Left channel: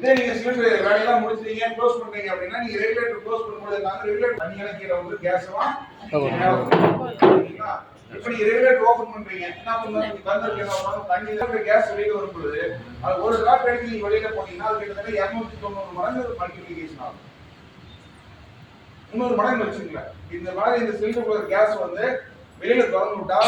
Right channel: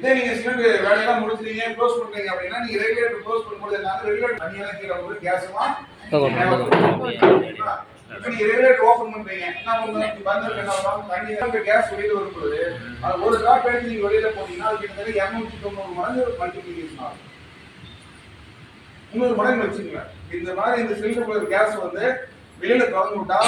இதே நீங்க சிலிண்டர் வேலையெல்லாம் முடிச்சிட்டீங்க க்ளோஸ் பண்றீங்க அப்படின்னா நீங்க ரெகுலேட்டர் க்ளோஸ் பண்ணும்போது என்ன ரெகுலேட்டர் தனியாக கீழே வந்து கேஸ் எல்லாம் இப்ப நீங்க ரெகுலேட்டர் ஓபன் பண்றீங்க. என்ன பண்ணுங்க? பந்தர் என்ன பண்ணுவாங்க தண்ணி தான் கேஸ் வெளியில வரும்போது அது ஒரு டிராப் எடுத்து நீங்க வெளியில போனீங்கன்னா அது கிட்டத்தட்ட இருநூத்தி தொண்ணூறு மடங்கு மல்டிபிளிகேஷன் ஆகும். முந்நூறு மடங்கு வச்சுங்களேன் இந்த மாதிரி இந்த சிலிண்டர் கேஸ் வந்து வெளியில திறந்து விட்டா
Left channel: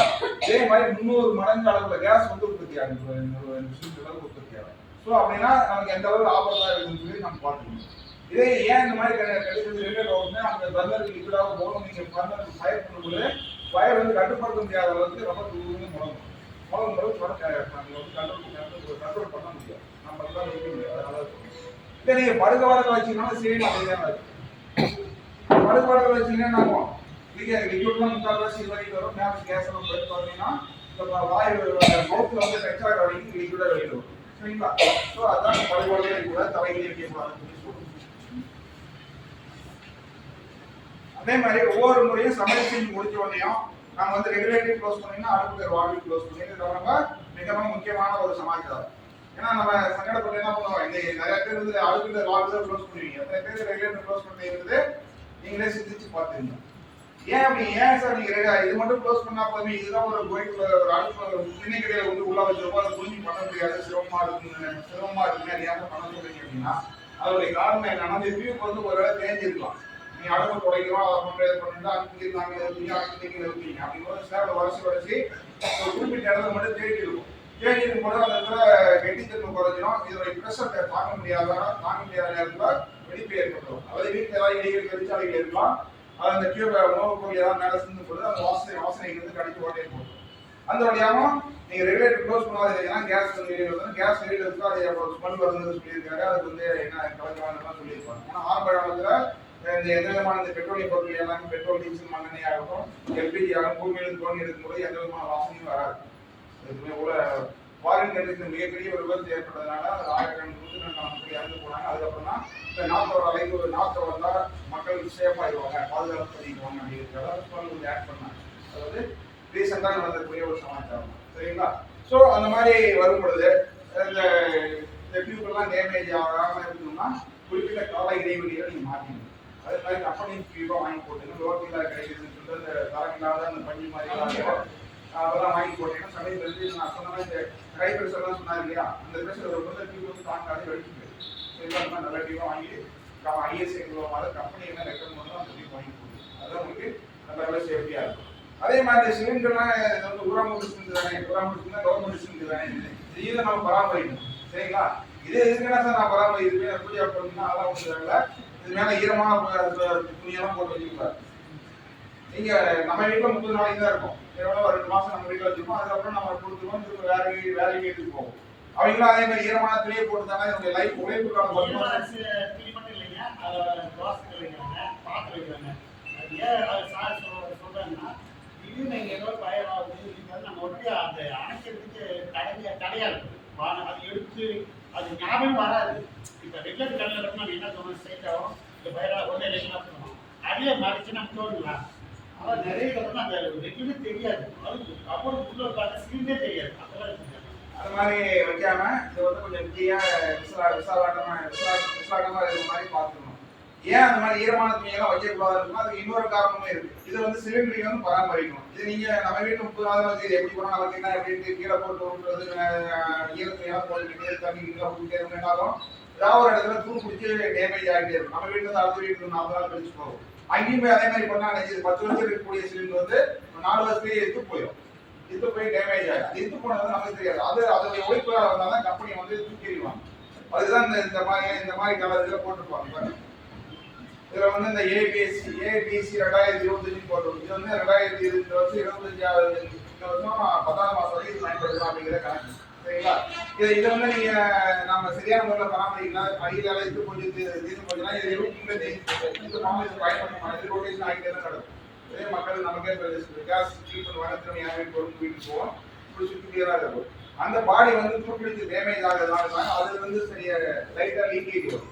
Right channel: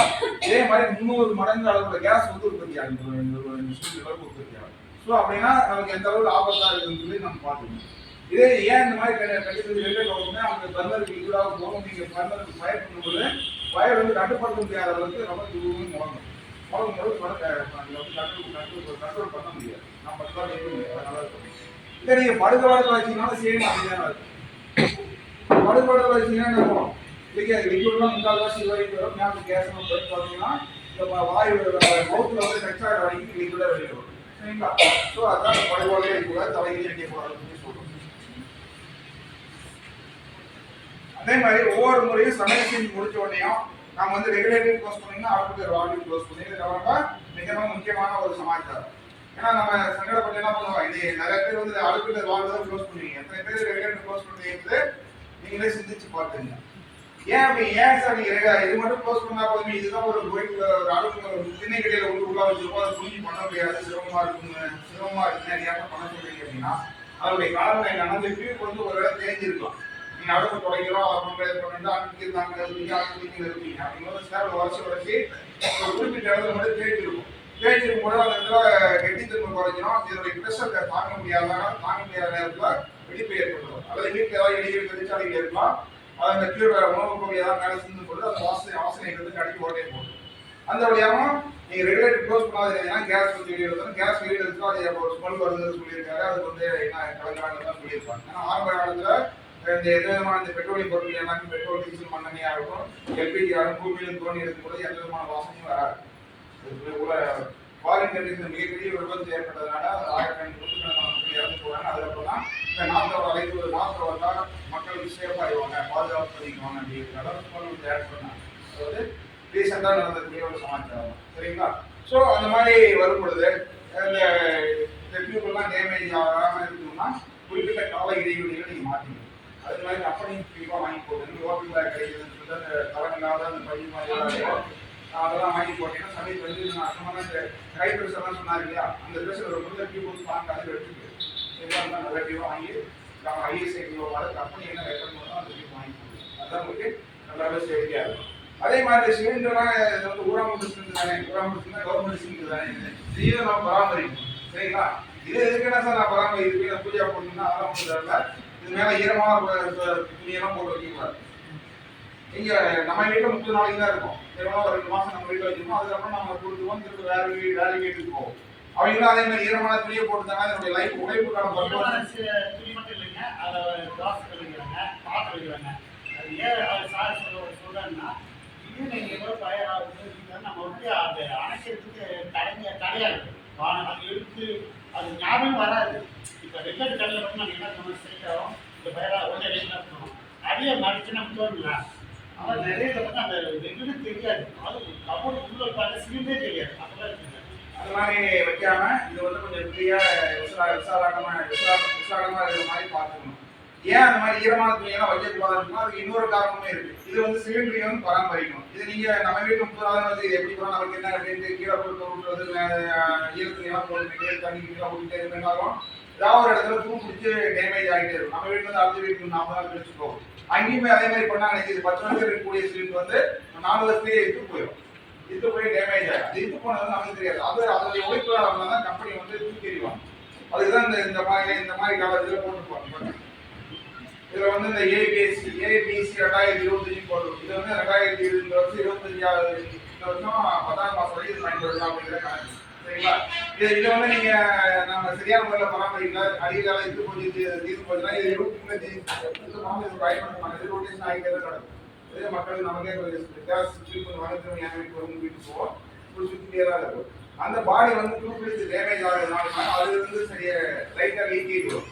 இதே மாதிரி முந்நூறு மடங்கு அளவுல கேஸ் வந்து உற்பத்தி ஆகும். இந்த அளவுக்கு உற்பத்தி ஆகும். ஸோ அப்படின்னா நமக்கு எந்த அளவுக்கு ஆபத்தா இருக்குன்னு சொல்லி நம்ம பார்த்துக்கணும் இதே ஏன் இந்த மாதிரி கண்டிப்பாக ரிலேட் ஆகுதுன்னா அந்த பர்னருக்கு லிக்விடாக போகும் நீங்க பர்னருக்கு ஃபயர் பண்ணும்போது ஃபயர் வந்து கட்டுப்படுத்த முடியாத அளவுக்கு ரொம்ப தூரம் முழங்கும் முழங்கும் போது கண்ட்ரோல் கண்ட்ரோல் கண்ட்ரோல் பண்ண முடியாது. நம்ம தான் வைக்க முடியாது. அதனால இருக்கும் இதை நீங்க படுக்க வாரத்தில் வச்சீங்கன்னாலும் சேம் அதே தான் இருக்கும் படுக்க வாரத்தில் வச்சீங்கன்னா என்ன ஆகும்? லிக்விட் லிக்விட்லாம் முக்கால்வாசி வரைக்கும் வரும் மேலே கேஸ் எல்லாம் போயிட்டு பார்த்தீங்கன்னா இந்த வா- வாயு மவுத்தில் வந்து டச் ஆகிற வரைக்கும் லிக்விடாக வெளியில் வரும் சரிங்களா? ஸோ அதான் படுகொலையே வைக்கக்கூடாது தலையிலே வைக்கக்கூடாதுன்னு சொல்லுவோம் அதே மாதிரி ஒவ்வொரு முறையும் சமையல் செஞ்சு முடிச்ச உடனேயும் நம்ம வந்து ரெகுலேட்டிவ் க்ளோஸ் பண்ணீங்கன்னா அடுத்த வால்யூ க்ளோஸ் பண்ணி இது ரொம்ப மிகவும் முக்கியமான ஒரு சமாச்சாரம். ஏன்னா நம்ம சங்கடப்பட்டு என்ன பண்ணுவோம்? இது நிறைய பேர் வந்து அடுத்த வால்யூ க்ளோஸ் பண்ணுவீங்க. எத்தனை பேர் ரெகுலேட்டர் க்ளோஸ் பண்ணுறது நீங்களே சிந்திச்சு பார்த்துங்க ஏன் அப்படி ஏன் சார் நீங்க ரெகு- இது மட்டும் க்ளோஸ் பண்ணா போதுமே. இதுதான் ஒரு கோயில் ஒரு அடுப்பு ஒரு கடையில வந்து உள்ள வச்சிருப்போம் அதை புரிஞ்சு பண்ண முடியாது. சிரமமா இருக்குங்க. சிரமமா இருக்குங்க. நீங்க ஏன் பண்ண சொல்றீங்க அப்படின்னா அதோடைய காரணம் என்னன்னா இந்த டியூப் வந்து ஒரு வேளை தேஞ்சிருக்கலாம். நீங்க அடுப்பு துடைக்கிறோம் அதை பண்றது பண்ணிட்டு அங்கே இருந்தாங்க நிறுத்திங்க அங்கே நீங்க நிறுத்திங்க அப்படிங்கிறது ஸ்லாப்ல உரசி உரசி ஒரு குறிப்பிட்ட இடத்துல மட்டும் தேடி இருக்கும் தேய்ச்சி இருக்கும்போது அந்த இடத்துல கெட்டித்தன்மை குறைஞ்சிரும். இதோடைய ப்ரெஷர் தாங்க முடியாத தாங்க முடியாத நேரத்தில் வெடிப்பு ஏற்பட்டுரும். அதாவது வீட்டில் ஏதாவது இடையில் தொழிற்சாலைகள் இருக்கலாம். அது அந்த கீழே உணவுப் பொருள் ஏதாவது மேலே சிந்து போது அந்த வாசனை வாசனை வந்து கடிக்கு ஓட்டே போடும் அந்த வழியாகவும் நீங்கள் ரெகுலேட்டர் க்ளோஸ் பண்ணாது ஏன்னா கேஸ் வந்து வெளியே வந்து கேஸ் வெளியில் இருக்கோ அது ஒரு ஸ்மெல் வருதுன்னு சொல்லியிருக்காரு. அதுக்கு வந்து என்ன கலக்கிறாங்கன்னு சொல்லியிருப்பாங்க. ஏன்னா ஆரம்ப காலத்தில் இந்த எந்த விதமான இந்த பெட்ரோலியம் பொருட்கள் எல்லாமே பெட்ரோல் டீசல் மண்ணெண்ணையாக ஆகட்டும் எல்பிஜி ஆகும் பூமியில தோண்டி எடுக்கும்போது எந்த விதமான வாசனையும் வராது. அதுக்கு கூட ஃபாரின் கண்ட்ரிஸ் மிகப்பெரிய விபத்து ஏற்பட்டதுனால வந்து நம்ம மக்கள் இறந்து போனாங்க அதுக்கப்புறம் தான் இந்த நாட்டோட அழைப்பு நாட்டை வந்தா மக்கள் சேஃப் ஆயிடுவாங்க பாதுகாப்பு பண்ணிக்குவாங்க அப்படிங்கிறத வந்து ஆட் பண்ணாங்க. அதாவது ரீசெண்டாக நடந்தக்கூடிய ஒரு சமாச்சாரம். சரிங்களா? ஸோ அந்த மாதிரி வரும் பொழுது இந்த இந்த டியூப் எல்லாம் டேமேஜ் ஆகாமல் இருக்கணும்னா குறிப்பிட்ட கால இடைவெளிகளை நீங்கள் மாற்றணும் அது மாதிரி கம்பெனி டியூப்பாக வாங்கி போட்டுங்க லோக்கலில் கிடைக்குதுன்னு சொல்லிட்டு அந்த தரமில்லாத அந்த பள்ளி மாதிரி. அதெல்லாம் வாங்கி போட்டீங்கன்னா சமயத்தில் வந்து நான் சொன்ன மாதிரி இந்த கை ப்ரெஷர் சொன்னார் இல்லையா அந்த ட்ரெஸ் ஒரு முதல் டியூப் வந்து தாங்காது வெடிச்சுக்கு சரிங்களா நல்ல டியூவாக வாங்கி ஐஎஸ்ஐ மாதிரி கம்பெனி என்ன ரெக்கமெண்ட் பண்ணோ அந்த டியூப் வாங்கி போடுங்க. அதுதான் உங்களுக்கு நல்ல சேஃப்டியாக இருக்கும். அதே மாதிரி சிலிண்டர்லாம் இது வந்து ஊரமுட்டு சிலிண்டர் தானே? ஊரமுட்டு கவர்மெண்ட் சிலிண்டர் தானே? இதையும் நம்ம பராமரிக்கணும். சரிங்களா? இது இருக்குன்னா சார் நான் பராமரிக்கிறேன் பூஜை பண்ணணும்னா அதெல்லாம் ஒன்றும் தேவையில்லை. இது மேலே ஈரமான துணியெல்லாம் போட்டு வைக்கக்கூடாது. நீங்கள் நம்ம வீட்டில் முப்பது நாளைக்கு தான் இருக்கும். ஒரு ரெண்டு மாசம் நம்ம வீட்டில் வச்சிருக்கோம். அதுக்கப்புறம் நம்ம கொடுத்துருவோம் திரும்ப வேற வீ- வேற வீட்டுக்கு போவோம். அவங்களும் அதே மாதிரி ஈரமான துணியை இதனுடைய லைஃப் உழைப்பு காலம் பத்து வருஷம் துணி மட்டும் இல்லைங்க. அதை தோசை வைக்கிறாங்க பாத்திரம் வைக்கிறாங்க அது ஏன் அது சார் சொல்ல சொல்றேன்னா இது நீங்கள் ஏதோ பயிர் ஆகுது அப்படிங்கிறது நம்ம வந்து அந்த அணைக்கிறதுக்கு தடைங்க தடையா இருக்கு. வா- அது எடுத்து அது ஞாபகம் வராது. இப்போ ரெகுலர் கல்லில் மட்டும் நம்ம என்ன சொன்னோம்? சேர்க்கிறோம் இந்த பயிரா உடனே என்ன பண்ணணும் அடியை மடிச்சு நம்ம தோணுங்களா? ஆனால் நிறைய பார்த்தா அந்த ரெகுலர் தெரியாது. அது கபோர்டு உள்ள உட்காந்து சிலிண்டே தெரியாது. அந்த மாதிரி வைக்காம இது வந்து கொஞ்சம் ஃப்ரீயா விசா விசாலாட்டமா விசா விசாலமா இருக்கிற மாதிரி பார்த்துக்கணும். ஏன் அந்த மாதிரி ஈரமான துணியெல்லாம் வைக்கக்கூடாது இருக்குன்னா அதுக்கு இன்னொரு காரணமே இருக்கு. இது வந்து சிலிண்டரையும் வந்து பராமரிக்கணும். இது நீங்க நம்ம வீட்டு முப்பது நாள் வச்சு இது எப்படி போனா நமக்கு என்ன அப்படின்ட்டு கீழே போட்டு விடுறது ஈர துணியெல்லாம் போட்டு தண்ணி கீழே ஊற்றிட்டே இருந்தாலும் ஏதாவது ஒரு இடத்துல தூ பிடிச்சி டேமேஜ் ஆகிட்டே இருக்கும். நம்ம வீட்டுல இருந்து அடுத்த வீட்டுக்கு நாற்பது நாள் கழிச்சு போகும் அங்கேயும் போய் அதே மாதிரி பண்ணா நினைச்சது பத்து வருஷம் இருக்கக்கூடிய சிலிண்டர் வந்து நாலு வருஷத்துலேயே எடுத்து போயிடும். இத்து போய் டேமேஜ் ஆகும் அது இத்து போனது நமக்கு தெரியாது. அது அதோடைய உழைப்புகளால் வந்தால் தான் கம்பெனி வந்து தூக்கி எறிவாங்க. அதுதான் இந்த இந்த மாதிரி இந்த மாதிரி காலத்தில் போட்டுருப்பாங்க. இதில் வந்து இந்த ஏபிஎஸ்சி ஏபிசி ரெண்டாயிரத்தி இருபத்தஞ்சு போட்டு இது வந்து ரெண்டாயிரத்தி இருபது வருஷம் இருபத்தஞ்சாவது இந்த வருஷம் பத்தாம் மாதம் வரைக்கும் இது பயன்படுத்தலாம் அப்படிங்கிற கணக்கு. சரிங்களா இது இதை வந்து நீங்க நம்ம சரியான முறையில் பராமரிக்கல அடியில் இது கொஞ்சம் தீர்ந்து போச்சுன்னா இது இருபத்தி இந்த மாதம் இது பயன்படுத்த மாட்டேன் இது ரொட்டேஷன் ஆகிட்டே தான் நடக்கும் இதே மக்கள் நமக்கே கேஸ் ஃபில் பண்ணுவாங்க திரும்ப என் வீட்டு வரும் வீட்டுக்கு போவோம். இப்படி சுற்றிட்டே தான் இருக்கும். அந்த பாடி வந்து துருப்பிடிச்சு டேமேஜ் ஆகிறதுனால அது வந்து சரியா லைட்டாக லீக்கேஜ் வரும்.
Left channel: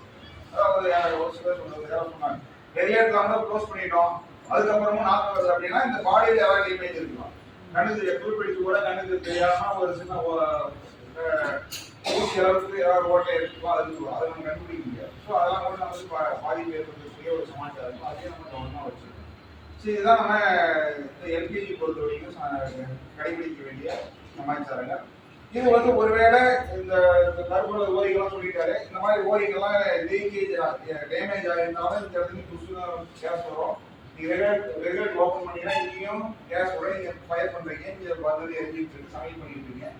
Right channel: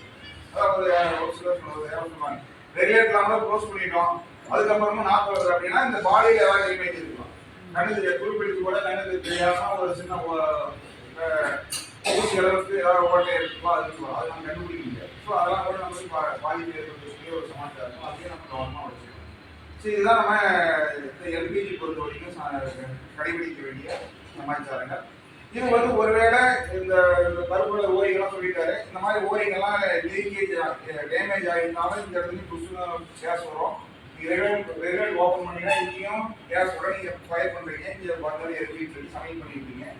அதாவது ஒரு சிலர் சொன்னது யாரும் சொன்னாங்க. ரெகுலேட்டர் கூட க்ளோஸ் பண்ணிட்டோம். அதுக்கப்புறமும் நாக்கு வருது அப்படின்னா இந்த பாடியில் ஏதாவது டேமேஜ் இருக்கலாம் கண்ணுக்கு குறிப்பிடிச்சு கூட கண்ணுக்கு தெரியாம ஒரு சின்ன ஊசி அளவுக்கு ஏதாவது ஓட்டை இருக்குவா அது அதை நம்ம கண்டுபிடிக்க முடியாது. ஸோ அதெல்லாம் கூட நமக்கு பா பாதிப்பு ஏற்படுத்தக்கூடிய ஒரு சமாச்சாரம் அதையும் நம்ம கவனமாக வச்சுக்கணும். சரி இதுதான் நம்ம இந்த எல்பிஜி பொறுத்த வரைக்கும் கடைபிடிக்க வேண்டிய சமாச்சாரங்கள். இது வந்து ஒருவேளை இந்த இந்த கருப்புல ஓரிகள்லாம் சொல்லிட்டாரு. இந்த மாதிரி ஓரிகள்லாம் லீக்கேஜ் டேமேஜ் ஆகிருந்தாலும் இந்த இடத்துல புதுசு கேஸ் வரும். நீங்கள் ரெகுலேட் ரெகுலேட் ஓப்பன் பண்ணீங்கன்னா இங்கேயும் கேஸோட நீங்கள் ஃபயர் பண்ணுறீங்க இங்கே வந்து எரிஞ்சிட்டு இருக்கு. சமையல் பண்ணிட்டு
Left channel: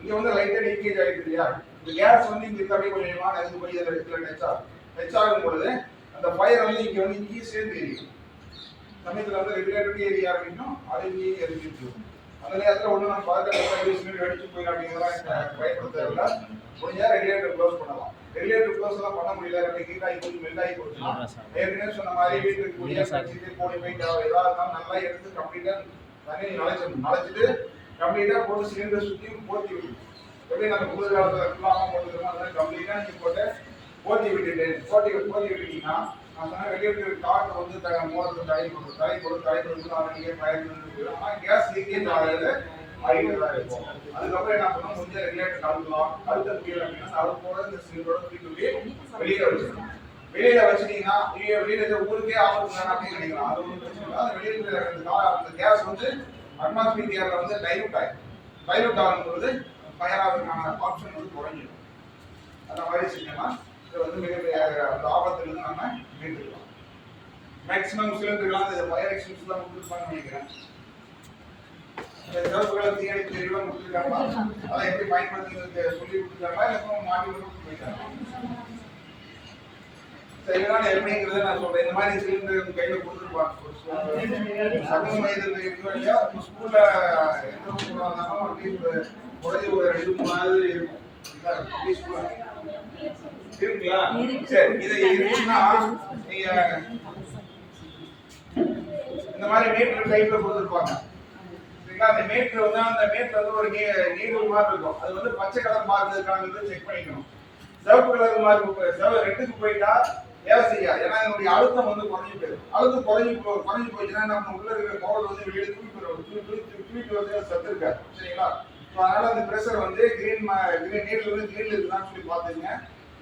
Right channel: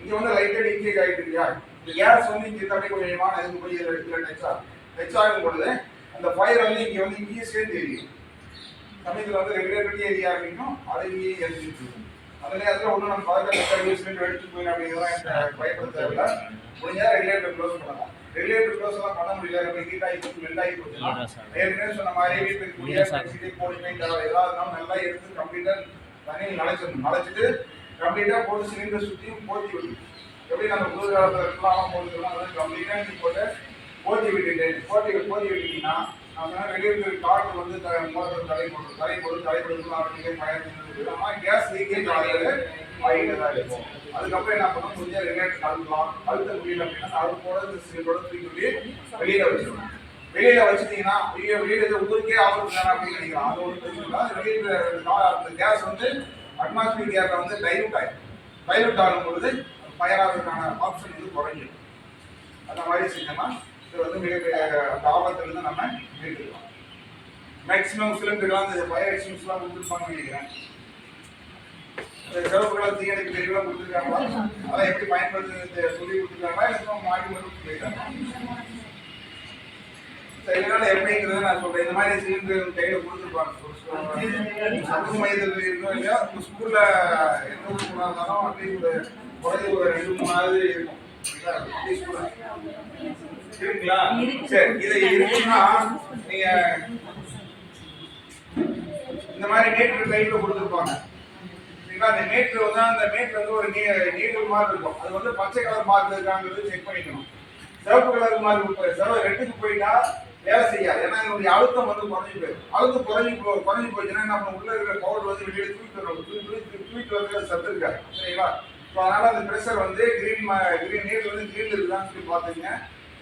இங்கே வந்து லைட்டாக லீக்கேஜ் ஆகிட்டு இல்லையா? இந்த கேஸ் வந்து இங்கே அப்படியே கொஞ்சம் கொஞ்சமாக இதுக்கு போய் இதில் இடத்துல டச் ஆகும். டச் ஆகும் பொழுது அந்த ஃபயர் வந்து இங்கே வந்து இங்கேயே சேர்ந்து எரியும். சமயத்தில் வந்து ரெகுலேட்டரி ஏரியா இருக்கணும் அது இங்கேயே எரிஞ்சிட்டு இருக்கும். அந்த நேரத்தில் ஒன்றும் நம்ம பதக்கத்தில் சர்வீஸ் வெடிச்சு போயிடும் அப்படிங்கிறதெல்லாம் பயப்பட தேவையில்ல. முடிஞ்சா ரெகுலேட்டர் க்ளோஸ் பண்ணலாம். ரெகுலேட்டர் க்ளோஸ் எல்லாம் பண்ண முடியல ரொம்ப ஹீட் ஆகி போச்சு மெல்ட் ஆகி போச்சுன்னா ஏற்கனவே சொன்ன மாதிரி வீட்டுக்கு எலக்ட்ரிசிட்டி போடி போயிட்டு ஏதாவது நல்லா எடுத்து கம்ப்ளீட்டாக தண்ணி நனைச்சிடணும் நனைச்சிட்டு கம்ப்ளீட்டாக போட்டு சிலிண்டர் சுற்றியும் போத்தி விடணும். எப்படி நம்ம புது காலத்தில் ஃபுல்லாக போட்டுக்கிறோம் அதெல்லாம் கம்ப்ளீட்டாக போட்டு போத்தி விட்டுட்டு போத்தி போத்தி விட்டுட்டீங்கன்னா நான் சொன்னேன் வெளியே இருக்கிற காற்று வந்து த மூலத்தில் தடை போடும் தடை போடும் தடை போடும் ஆரம்பிக்க ஃபயர் ஆனால் கேஸ் லீக்கேஜ் ஆகிறது தான் இருக்கும். அதுக்கப்புறம் என்ன பண்ணணும் முடிஞ்ச ரெகுலேட்டர் கலந்துக்கலாம். அழுத்த முடியல அப்படின்னா அது போட இந்த சிலிண்டரோட தூக்கி வெளியே வெளியில வச்சிடணும். வெளியில வச்சிட்டீங்கன்னா ஐயோ வெளியில ஊருக்கே ஆபத்து தானே அப்படின்னு நினைக்கலாம். அது ஒன்றும் பிரச்சனை இல்லை. வெளியில அந்த கேஸ் வந்து அட்மாஸ்பியர் ஏரில் வந்து டைலூட் ஆகும் டைலூட் ஆகும் பொழுது ஃபயர் ஆகிறதுக்கான ஆப்ஷன் வந்து குறைஞ்சிடும். அந்த மாதிரி செஞ்சோம்னா இது வந்து மிகப்பெரிய அந்த ஆபத்துலேருந்து நம்ம மீட்டுக்கலாம் மேக்ஸிமம் சிலிண்டர்லாம் இந்த ஃபயர் எக்ஸ்டென்ஸ்லாம் கொடுத்துருப்பாங்கன்னு நினைக்கிறேன். சிவப்பு கலர் தீயணைப்பு தெரிவுலாம் கொடுத்துருக்காங்களா? அதெல்லாம் எப்படி பயன்படுத்துறது சொல்லி கொடுத்துருக்காங்களா? இல்லை மாட்டி மட்டும் போயிட்டாங்க இதனால எப்படிங்கிறத நான் சொல்றேன். இந்த மாதிரி சிலிண்டர் கையில கொடுத்துருப்பாங்க. சமூக மையத்தில் இருக்கோ இல்லையா? ஸ்கூல்ல எந்த ஸ்கூலாக இருந்தாலும் அட்லீஸ்ட் ஒரு குறைஞ்ச ஒரு ரெண்டு மூணாவது இருக்கும்? அப்படி இருக்குங்களா சரி இது இருக்குன்னா நீங்க இந்த மாதிரி மீட்டர் டைப்ல கொடுத்துருப்பாங்க. சரிங்களா? அந்த மீட்டர் வந்து அந்த மீட்டர் வந்து ஒரு நீடல் மாதிரி இருக்கும். அது வந்து பச்சை கலர் மார்க் இருக்காங்கிறது செக் பண்ணிக்கணும். சிவப்பு கலர் மார்க் சிவ ரெட்டுக்கு போயிட்டா வேலை செய்யாது. ஏன்னா இதனுடைய அழுத்தம் வந்து குறைஞ்சு போயிடும். அழுத்தம் குறைஞ்சு போ குறைஞ்சு போச்சுன்னா நம்ம உள்ள இருக்கிற பவுடர் வந்து வெளியே தூக்கிட்டு வரும். தூக்கி தூக்கி தூக்கிட்டு வந்து சத்து இருக்காது. சரிங்களா? ஸோ அதனால அந்த ப்ரெஷர் வந்து கிரீன் கிரீன் நீர் வந்து கிரீன் இருக்குதான்னு சொல்லி பார்த்துங்க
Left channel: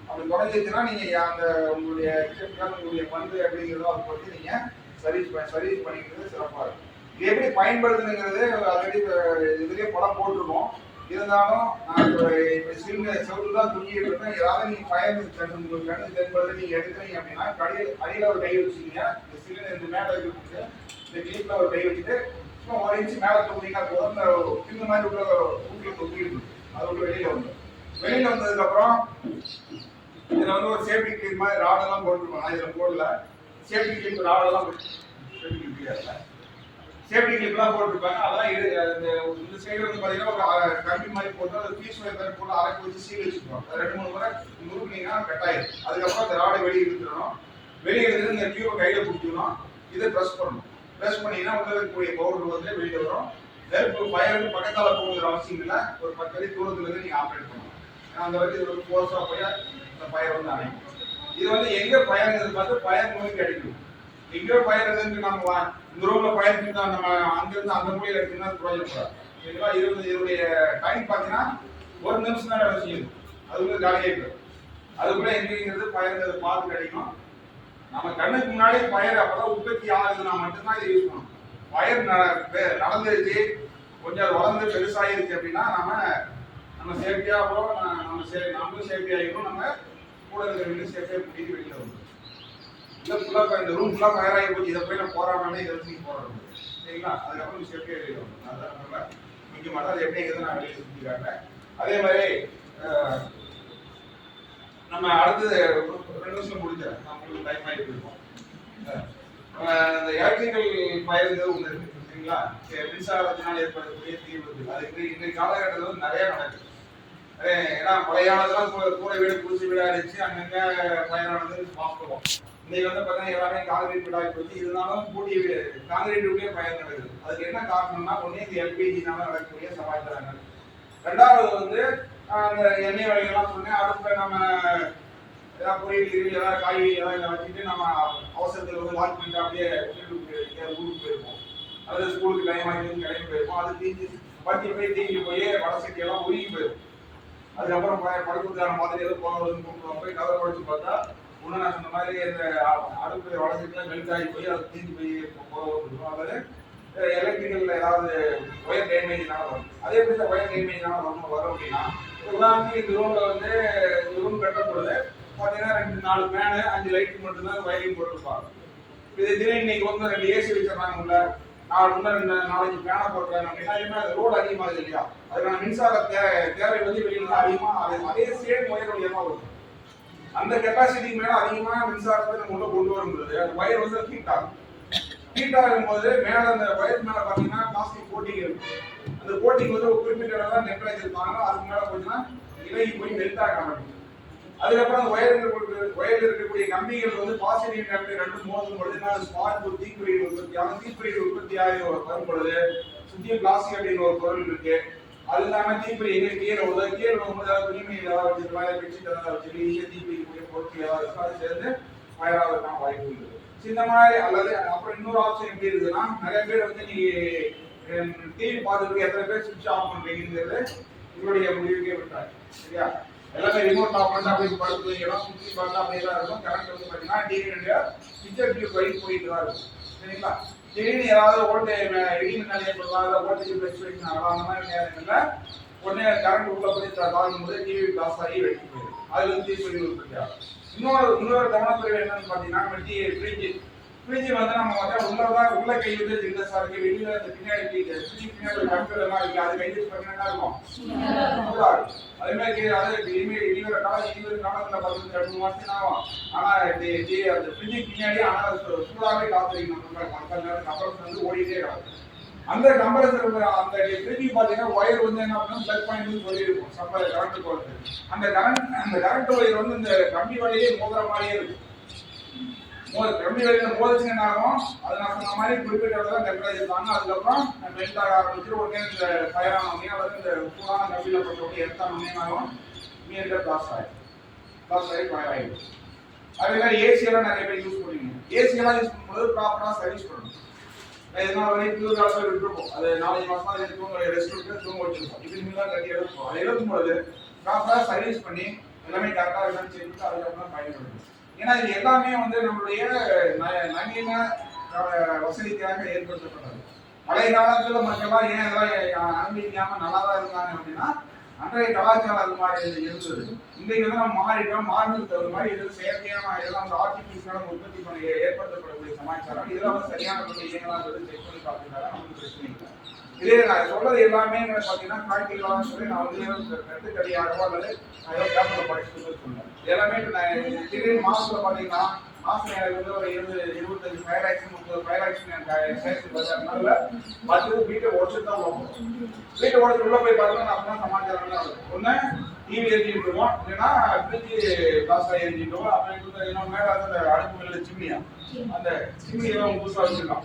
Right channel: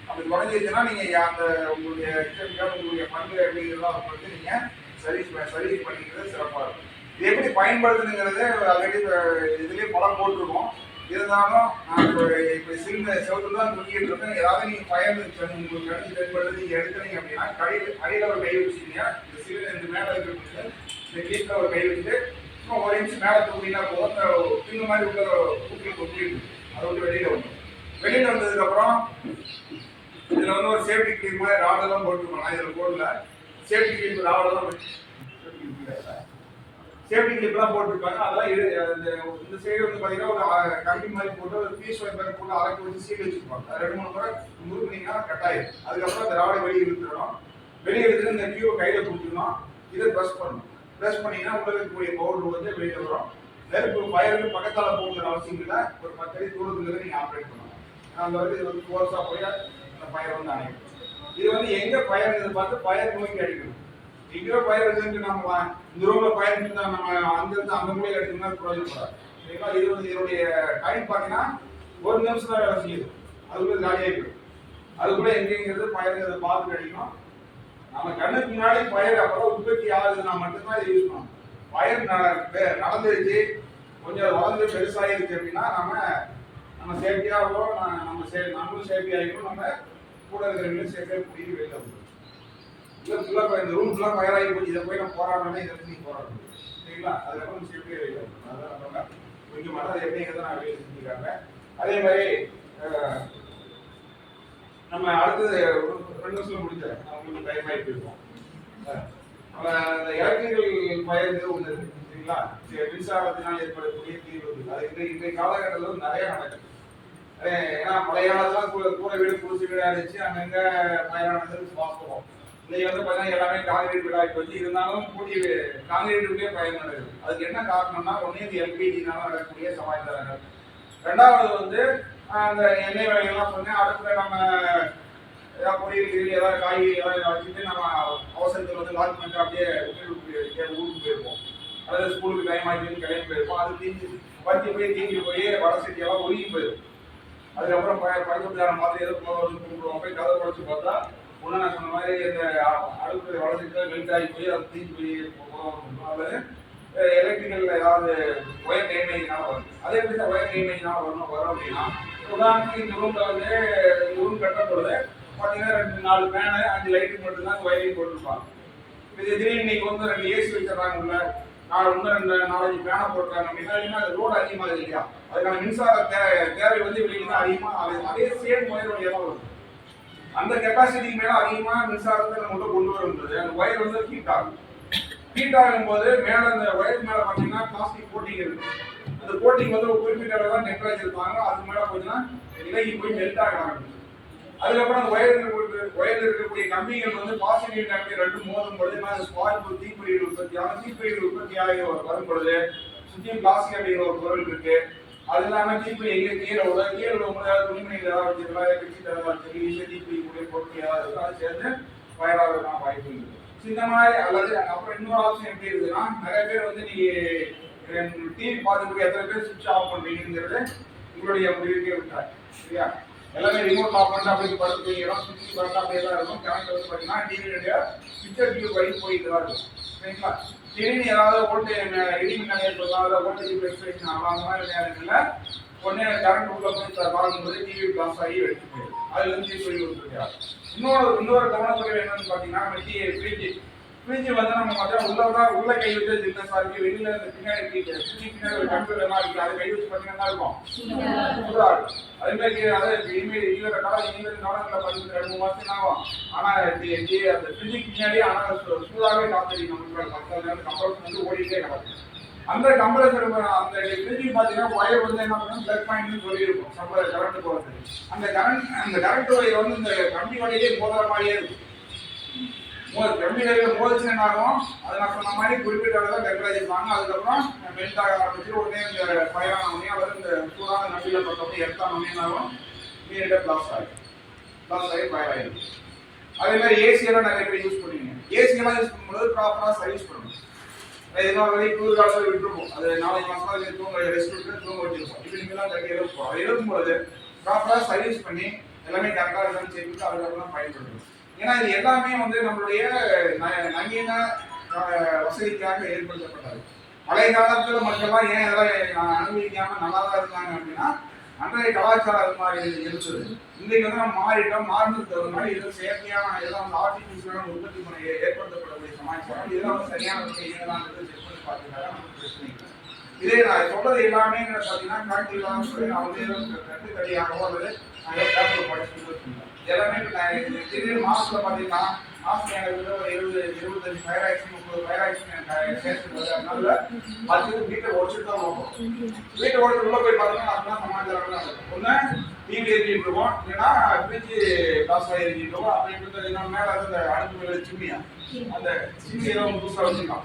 அப்படி குறைஞ்சிருச்சுன்னா நீங்க அந்த உங்களுடைய கெமிக்கல் உங்களுடைய பண்பு அப்படிங்கிறத அதை பற்றி நீங்க சர்வீஸ் சர்வீஸ் பண்ணிக்கிறது சிறப்பாக இருக்கும். இது எப்படி பயன்படுத்துங்கிறது ஆல்ரெடி இதுலேயே படம் போட்டிருக்கோம். இருந்தாலும் நான் இப்போ இப்போ சின்ன செவத்துல தான் தூங்கிட்டு இருக்கேன். ஏதாவது நீங்கள் பயன் கண்ணு உங்களுக்கு கண்ணு தென்படுது நீங்கள் எடுக்கிறீங்க அப்படின்னா கடையில் அடியில் ஒரு கை வச்சுக்கீங்க. இந்த சிறு இந்த மேலே இருக்கிறது இந்த கீழே ஒரு கை வச்சுட்டு சும்மா ஒரு இன்ச்சு மேலே தூக்கினா போதும். அந்த பின்னு மாதிரி உள்ள ஊட்டில் தொங்கிட்டு அது விட்டு வெளியில் வந்துடும். வெளியில் வந்ததுக்கப்புறம் இதில் வந்து ஒரு சேஃப்டி கிளீன் மாதிரி ராடெல்லாம் போட்டுருக்கோம் நான் இதில் போடல. சேஃப்டி கிளீன் ராடெல்லாம் சேஃப்டி சேஃப்டி கிளிப்லாம் போட்டிருப்பாங்க. அதெல்லாம் இது அந்த இந்த சைடு வந்து பார்த்தீங்கன்னா ஒரு கம்பி மாதிரி போட்டு அது பீஸ் வைப்பர் போட்டு அரைக்கு வச்சு சீல் வச்சுருப்பாங்க. அது ரெண்டு மூணு முறை முறுக்குனீங்கன்னா கட் ஆயிடும் அதுக்கப்புறம் அந்த ராடை வெளியே எடுத்துடணும் வெளியே எடுத்துட்டு இந்த டியூபை கையில் பிடிக்கணும். இதை ப்ரெஸ் பண்ணணும். ப்ரெஸ் பண்ணீங்கன்னா உள்ள இருக்கக்கூடிய பவுடர் வந்து வெளியே வரும். நெருப்பு ஃபயருக்கு பக்கத்தால் போகுங்கிற அவசியம் இல்லை. ஒரு பத்து அடி தூரத்துலேருந்து நீங்கள் ஆப்ரேட் பண்ணலாம். ஏன்னா அந்த வரைக்கும் இது ஒரு ஃபோர்ஸாக போய் அந்த ஃபயர் வந்து அணைக்கும். இது வந்து எங்கே ஃபயருங்கிறது பார்த்து பயிர் நோய்க்கு அடிக்கணும் எங்கேயோ பயிர் இருக்குன்னு நம்ம இந்த ரூம்ல பயிர் இருந்தா நம்ம அங்கிருந்து அந்த மூலையில எடுத்தீங்கன்னா பிரயோஜனப்படாது சரிங்களா? இது வந்து இதனுடைய டைம் பார்த்தீங்கன்னா ஒரு நிமிஷம் தான் வேலை செய்யுது. அதுக்குள்ளே காலியாகி போயிடும். அதுக்குள்ள எங்கேங்கிறது பயிருங்கிறது பார்த்து கிடைக்கும் நம்ம கண்ணுக்கு முன்னாடி பயிர் அப்பதான் உற்பத்தி ஆகுதுன்னா மட்டும்தான் இதை யூஸ் பண்ணணும். பயிர் நடந்துருச்சு. கொஞ்சம் வளர்ந்து பெருசாகிருச்சு அப்படின்னா நம்ம நம்ம சேஃப்டியாகவும் நம்ம சே நம்மளும் சேஃப்டி ஆகிக்கும் நம்ம கூட இருக்கிறவங்களும் சேஃப்டியாக கூட்டிட்டு வெளியில் வந்து இல்லை ஃபுல்லாக இந்த ரூம் ஃபுல்லாக ஃபயர் ஆகி போச்சு இதை போய் நான் போராடணும் இதை வச்சு நீ போராடணும் சரிங்களா? அதுக்கப்புறம் சேஃப்டியாக வெளியில் வரணும் அதுதான் நம்ம முக்கியமான அது எப்படி எங்கே நான் வெளியே செஞ்சுருக்காங்க அதே மாதிரி நம்ம அடுத்தது ஒரு ரெண்டு நிமிஷம் முடிச்சேன் நான் உங்களுக்கு டைம் ஆகி போயிருக்கோம் அஹ், அந்த எலக்ட்ரிக்கல் ஃபயருங்கிறது ஒன்று இருக்கு. சரிங்களா? சரி, மின்சாரத்தினால் ஏற்படக்கூடிய தீவிரத்து அது இன்றைக்கு இன்றைய காலகட்டத்தில் வந்து நடக்குது. ஏன்னா பழைய காலத்துல கூ- கூரை வீடு பூச்சி வீடாக இருந்துச்சு அங்கங்க மழையானது வாஸ்தவம் இன்னைக்கு வந்து பார்த்தீங்கன்னா எல்லாமே காங்கிரீட் வீடாகி போச்சு. இருந்தாலும் கூட்டி காங்கிரீட் வீட்லயே பயன் நடக்குது. அதுக்கு என்ன காரணம்னா ஒண்ணு இந்த எல்பிஜினால நடக்கக்கூடிய சமாச்சாரங்கள் ரெண்டாவது வந்து அந்த எண்ணெய் வகைகள்லாம் சொன்னேன். அடுத்த நம்ம ஏதாவது பொரியல் கிரியல் ஏதாவது காய் ஏதாவது வச்சுட்டு நம்ம அவசரத்தில் வந்து லாக் பண்ணிட்டு அப்படியே ஊருக்கு போயிருப்போம். அல்லது ஸ்கூலுக்கு டைம் ஆகிட்டு கிளம்பி போயிருப்போம். அது தீஞ்சு வட்டி போய் தீஞ்சு போய் வடை சட்டியெல்லாம் ஒழுங்கி போயிடும். அதுக்கப்புறம் ப- படுக்கிறதுக்கான மாதிரி ஏதோ போகிறதுன்னு கூப்பிடுவோம் போய் கதை படிச்சு பார்த்தா ஒன்று நான் சொன்ன மாதிரி இந்த அடுப்பு வளர்ச்சிட்டு மெல்ட் ஆகி போய் அது தீஞ்சு போய் போகும் அல்லது எலக்ட்ரிக்கல் ஏதாவது ஒயர் டேமேஜ்னால வரும். அதே மாதிரி இந்த ஒயர் டேமேஜ்னால வரணும் வரும் அப்படின்னா உதாரணத்துக்கு இந்த ரூமில் வந்து இந்த ரூம் கட்டப்படுது பார்த்தீங்கன்னா ரெண்டு நாலு ஃபேனு அஞ்சு லைட்டு மட்டும்தான் வயரிங் போட்டிருப்பாங்க. இது திடீர்னு இன்னைக்கு வந்து ரெண்டு ஏசி வச்சிடறாங்க உள்ள. நாலு இன்னும் ரெண்டு நாலஞ்சு பேனை போட்டுறாங்க அப்படின்னா அது ரோடு அதிகமாகுது இல்லையா? அதுக்கான மின்சார தேவை வந்து வெளியில அதிகமாக அதே அதே சேம் ஒயர் வரும். அந்த கெப்பாசிட்டிக்கு மேல அதிகமா மின்சாரத்தை நம்ம உள்ள கொண்டு வரும்போது அந்த ஒயர் வந்து ஹீட் ஆகும். ஹீட் ஆகும்போது மேல அந்த ஒயர் மேல பாத்தீங்கன்னா பிளாஸ்டிக் கோட்டிங் இருக்கு. அந்த கோட்டிங் வந்து ஒரு குறிப்பிட்ட அளவு தான் டெம்பரேச்சர் தாங்க அதுக்கு மேல போச்சுன்னா இலகி போய் மெல்ட் ஆக ஆரம்பிக்கும். அதுக்கப்புறம் அந்த ஒயர் ஒயர்ல இருக்கக்கூடிய கம்பிகள் வந்து பாசிட்டிவ் நெகட்டிவ் ரெண்டும் மோதும் பொழுது என்ன ஸ்பாட் ஒரு தீப்பிடிகள் உற்பத்தி ஆகும். தீப்பிடிகள் உற்பத்தி ஆகி வரும் பொழுது சுற்றியும் பிளாஸ்டிக் அப்படிங்கிற ஒரு பொருள் இருக்கு. அது இல்லாம தீப்பிடி எங்க கீழே உள்ள கீழே விழும்போது ஏதாவது துணிமணி ஏதாவது வச்சிருக்கலாம் ஏதாவது பெட்ஷீட் ஏதாவது வச்சிருக்கலாம் ஈஸியாக தீப்பிடிக்கக்கூடிய பொருட்கள் ஏதாவது இருக்கும். அது சேர்ந்து ஃபயராக ஆகிறதுக்கான வாய்ப்பு இருக்குது இந்த மாதிரி அல்லது அப்புறம் இன்னொரு ஆப்ஷன் எப்படி இருக்குதுன்னா நிறைய பேர் வந்து நீங்க டிவி பார்த்துட்டு எத்தனை பேர் சுவிட்ச் ஆஃப் பண்றீங்கிறது உங்களுடைய முடிவுக்கே விட்டார் சரியா? எல்லாமே ரிமோட் ஆஃப் பண்ணா அப்படியே படுத்து தூங்கிடும் சுவிட்ச் பண்ணா அப்படியே தான் இருக்கும். கரண்ட் வந்து பார்த்தீங்கன்னா டிவியுடைய சுவிட்ச் டியூப் வழி போயிட்டு தான் இருக்கும். சரிங்களா? திடீர்னு ஏதாவது ஓட்டு இடி மின்னல் ஏற்படலாம் அதாவது ஓல்டேஜ் ஃபிளக்சுவேஷன் ஆகலாம் அந்த மாதிரி நேரங்களில் உடனே கரண்ட் உள்ள போய் தாக்கும் போது டிவி பிளாஸ் ஆகி வெடிச்சு போயிடும். அதுல இருந்து தீப்பொறி உற்பத்தி இன்னொரு இன்னொரு கவனக்குறைவு என்னன்னு பார்த்தீங்கன்னா டி ஃப்ரிட்ஜ் ஃப்ரிட்ஜ் வந்து நம்ம பார்த்தா உள்ளதான் உள்ள கை வச்சு சின்ன இருக்கு வெளியில அந்த பின்னாடி ஃப்ரிட்ஜ் பின்னாடி ஒரு கம்ப்யூட்டர் எல்லாம் இருக்கு அது கை வச்சு பார்த்தீங்கன்னா இருக்கும். இருக்கும். அதே மாதிரி அது இனிமேல் இனிவர காலம் இனிவர காலத்துல பார்த்தீங்கன்னா ரெண்டு மாசம் ஆகும்? ஆனா அந்த ஃப்ரிட்ஜுக்கு பின்னாடி ஆனா சூ- சூடாவே காத்தடிக்கும் நமக்கு நேரம் கம்ப்ரஸர் வந்து ஓடிட்டே கிடக்கும். அந்த கம்ப்ரஸர் அந்த ஃப்ரிட்ஜுக்கு பார்த்தீங்கன்னா ஒயர் வந்து என்ன பண்ணணும் பிளக் பாயிண்ட் சொல்லி இருக்கும் சப்ளை கரண்ட் போகிறது அந்த கரண்ட் அந்த கரண்ட் ஒயர் வந்து இந்த கம்பி வழியிலே மோதுற மாதிரியே இருக்கும். மோது கம்பி வழியில மோதிச்சு என்ன ஆகும் அது நான் சொன்ன மாதிரி குறிப்பிட்ட அளவு தான் டெம்பரேச்சர் இருப்பாங்க அதுக்கப்புறம் மெல்ட் ஆக ஆரம்பிச்சு உடனே இந்த ஃபயரான உடனே அல்லது இந்த சூடான நம்பியில் பட்ட உடனே எடுத்தான உடனே என்ன ஆகும் இமீடியட்டா பிளாஸ்ட் ஆகிடும் பிளாஸ்ட் ஆகி ஃபயர் ஆகிடும் அதே மாதிரி ஏசியெல்லாம் நிறைய பேர் யூஸ் பண்ணுவீங்க ஏசியெல்லாம் யூஸ் பண்ணும்போது ப்ராப்பராக சர்வீஸ் பண்ணணும். இதனால வரைக்கும் குளிர் காலத்தில் விட்டுருப்போம். அது நாலஞ்சு மாசமா தூங்க ரெஸ்ட் விட்டு தூங்க வச்சிருப்போம். இப்படி நீங்களாம் கட்டி எழுப்போம். அது எழுப்பும்போது ப்ராப்பராக சர்வீஸ் பண்ணி எல்லாமே கரெக்டாக இருக்கான்னு செக் அதுக்கப்புறம் பயன்படுத்தணும். ஏன்னா இது எல்லாமே வந்து நம்மளுடைய ந- நவீன வசதிக்காக ஏற்படுத்தப்பட்டது. பழைய காலத்துல மக்கள்லாம் ஏன் இதெல்லாம் அனுபவிக்காம நல்லா தான் இருந்தாங்க அப்படின்னா அன்றைய கலாச்சாரம் அது மாதிரி இருந்தது. இன்றைக்கு வந்து நம்ம மாறிட்டோம் மாறினதுக்கு தகுந்த மாதிரி இது செயற்கையான இதெல்லாம் வந்து ஆர்டிஃபிஷியலான உற்பத்தி பண்ணி ஏற்படுத்தப்படக்கூடிய சமாச்சாரம். இதெல்லாம் வந்து சரியான முறையில் செக் பண்ணி பார்த்துட்டாங்க நமக்கு பிரச்சனை இல்லை. இதே நான் சொல்றது எல்லாமே பார்த்தீங்கன்னா ப்ராக்டிகலாக சொல்லி நான் வந்து கட்டு கட்டுக்கடியாகவோ அல்லது நான் ஏதோ பேப்பரில் படிச்சுட்டு சொன்னேன் எல்லாமே இப்போ நான் திடீர்னு மாசத்துல பார்த்தீங்கன்னா மாசம் எனக்கு வந்து ஒரு இருபது இருபத்தஞ்சு ஃபயர் ஆக்ஷன் முப்பது ஃபயர் ஆக்ஷன் எனக்கு சேர்த்து வருது அதனால பத்து வீட்டை உடச்சிட்டு தான் போகும் வீட்டை உடச்சு உள்ள போய் பார்த்தீங்கன்னா அப்படின்னா சமாச்சாரம் தான் இருக்கும் ஒன்று டிவி எரிஞ்சிட்டு இருக்கோம். இல்லைன்னா ஃப்ரிட்ஜ் பிளாஸ்ட் ஆகி எரிஞ்சிட்டு இருக்கோம் அப்படி இன்னும் மேலே அந்த அடுப்பு மேலே சிம்னியா அந்த சிம்னி ஒன்று புதுசாக வச்சுருக்கான்.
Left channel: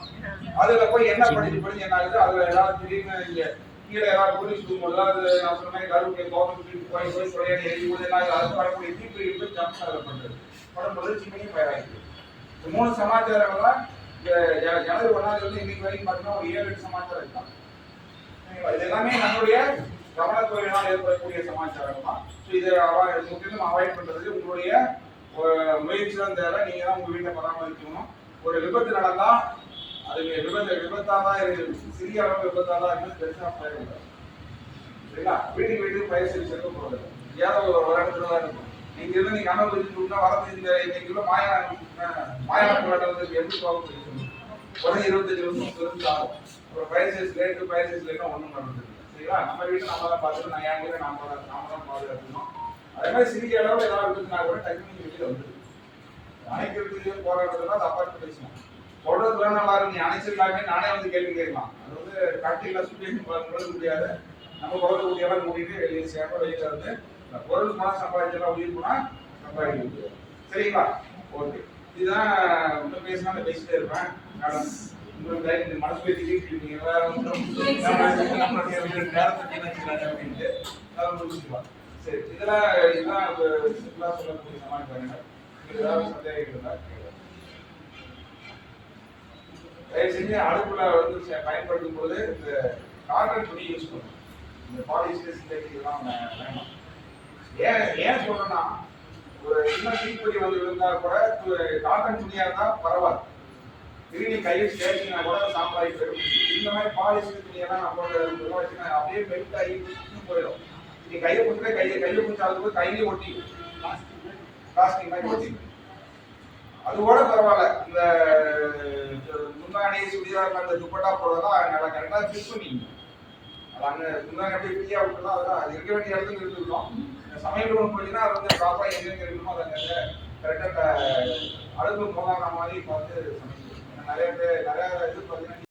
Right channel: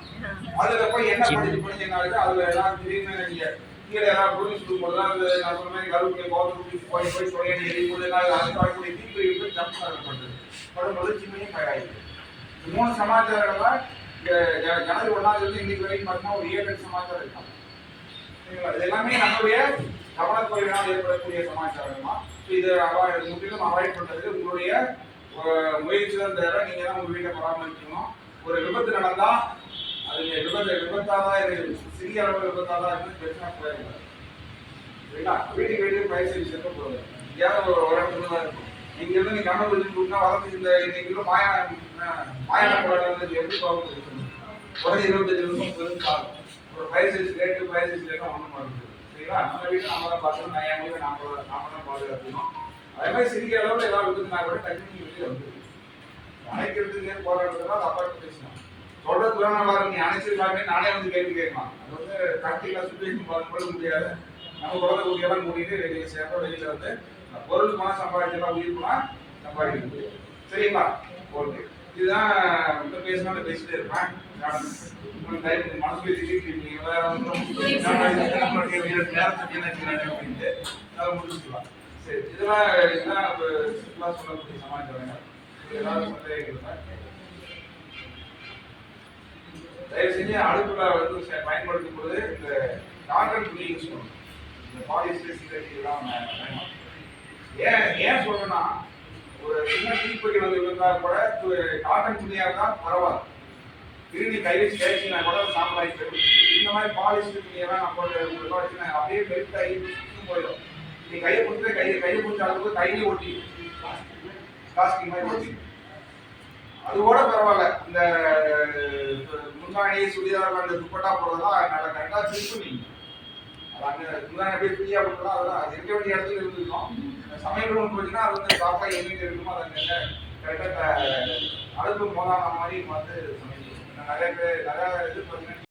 அதுல போய் என்ன படிச்சு படிச்சு என்ன ஆகுது அதுல ஏதாவது திடீர்னு இங்க கீழே ஏதாவது போலீஸ் போது அது நான் சொன்ன மாதிரி கருவுக்கு கவர்மெண்ட் போய் போய் கொடையாடி எரியும் போது என்ன ஆகுது? அதுக்கு வரக்கூடிய தீப்பு போய் ஜம்ப் ஆகப்படுது படும்போது சிம்மையும் ஃபயர் ஆகிடுது இந்த மூணு சமாச்சாரங்கள இந்த ஜ- ஜனவரி ஒன்றாவது இன்னைக்கு வரைக்கும் பார்த்தீங்கன்னா ஒரு ஏழு சமாச்சாரம் இருக்கான். இது எல்லாமே நம்மளுடைய கவனக்குறைவினால் ஏற்படக்கூடிய சமாச்சாரங்கள் ஸோ இதை அவாய்ட் முற்றிலும் அவாய்ட் பண்ணுறதுக்கு உங்களுடைய முயற்சி தான் தேவை. நீங்கள் தான் உங்கள் வீட்டை பராமரிக்கணும். ஒரு விபத்து நடந்தால் அது விபத்து விபத்தாக தான் இருக்குது சிறிய அளவு விபத்தாக தான் இருந்து பெருசாக போயிடக்கூடாது சரிங்களா? வீட்டுக்கு வீட்டுக்கு பயிர் செய்து சேர்க்க போகிறது ஏதாவது ஒரு ஒரு இடத்துல தான் இருக்கும். நீங்க இருந்து நீ கனவு வச்சு கொடுத்தா வரது இந்த இன்னைக்கு உள்ள மாயா மாயான போராட்டம் வந்து எப்படி போகும் உடனே இருபத்தஞ்சு நிமிஷம் முப்பது ஆகும் ஒரு பயிர் சைஸ் ரேட்டு பயிர் சைஸ் ரேட்டும் ஒன்றும் பண்ணுறது சரிங்களா நம்ம வீட்டை நம்ம தான் பார்த்துக்கணும் நான் என் வீட்டை நாம நாம தான் பாதுகாக்கணும். அதே மாதிரி சிறிய அளவில் ஏதாவது விபத்துனா கூட டக்குனு நீங்க வெளியே வந்துருக்கு அணைக்கிறதுக்கு போராடுறதுலாம் தப்பாட்டு பேசணும் சொல்றதுல நல்லா இருக்கு நீ அணைச்சிருக்கலாமே நானே வந்து கேள்வி கேட்கலாம். அது வந்து கட்டியில் சுச்சுவேஷன் பார்க்கும்போது முடியாது. நம்ம குழந்தை ஊதியெல்லாம் மூடிட்டு வெளியே சேர்ப்ப வெளியில் வந்து இந்த பொருள் பணம் சம்பாதிச்செல்லாம் உயிர் போனால் சம்பாதிக்க முடியாது. சரிங்களா? ஓகே. இதுதான் இன்னும் பேசினா பேசிட்டே இருப்பேன். மேடம் மனசு திட்டிருக்கீங்க வேற ஒன்றும் அதை சரி இதெல்லாம் இதுதான் சுற்றுலா சொல்லக்கூடிய சமாளிக்கிறாங்க ஏதாவது சந்தேகம் தயவு செஞ்சு அடுப்புல வந்து பயன்படுத்தும் பொழுது இந்த காட்டன் துணி யூஸ் பண்ணணும் இந்த பாலிஸ்டர் சிந்தட்டிக் இதெல்லாம் ஏன் ஏன் சொல்றேன்னா ஒரு சின்ன தீப்பொறி வந்து விழுந்தா கூட காட்டன் துணியா இருந்தா பரவாயில்ல. திரும்பி கையில் ஸ்டேஷனா கூட சாம்பலாகி போயிடும் இந்த மாதிரி பாலிஸ்ட் துணியெல்லாம் நம்ம போட்டு உள்ள வச்சுனா அப்படியே பெல்ட் ஆகி போயிடும். நீ கையை கொடுத்து கையை கையை பிடிச்ச அளவுக்கு கையிலே ஒட்டி பிளாஸ்டிக் மாதிரி ஒட்டி அது கூட பரவாயில்ல. இந்த முந்தாணி சுடிதார் அந்த துப்பட்டா போடுறதெல்லாம் நல்லா கரெக்டாக ஃபிட் பண்ணிங்க அது அங்கே முந்தாணி அப்படியே ஃப்ரீயாக விட்டுலாம் அதெல்லாம் அது இருக்க வேண்டிய இடத்துல இருந்துருக்கோம். சமையல் போச்சுன்னா அது வந்து ப்ராப்பராக எங்கெங்க இருக்கணுமோ அதை அங்கே கரெக்டாக அழுக்கு போதான மாதிரி பார்த்து சமைச்சு நிறைய பேர் நிறைய இது பார்த்தீங்கன்னா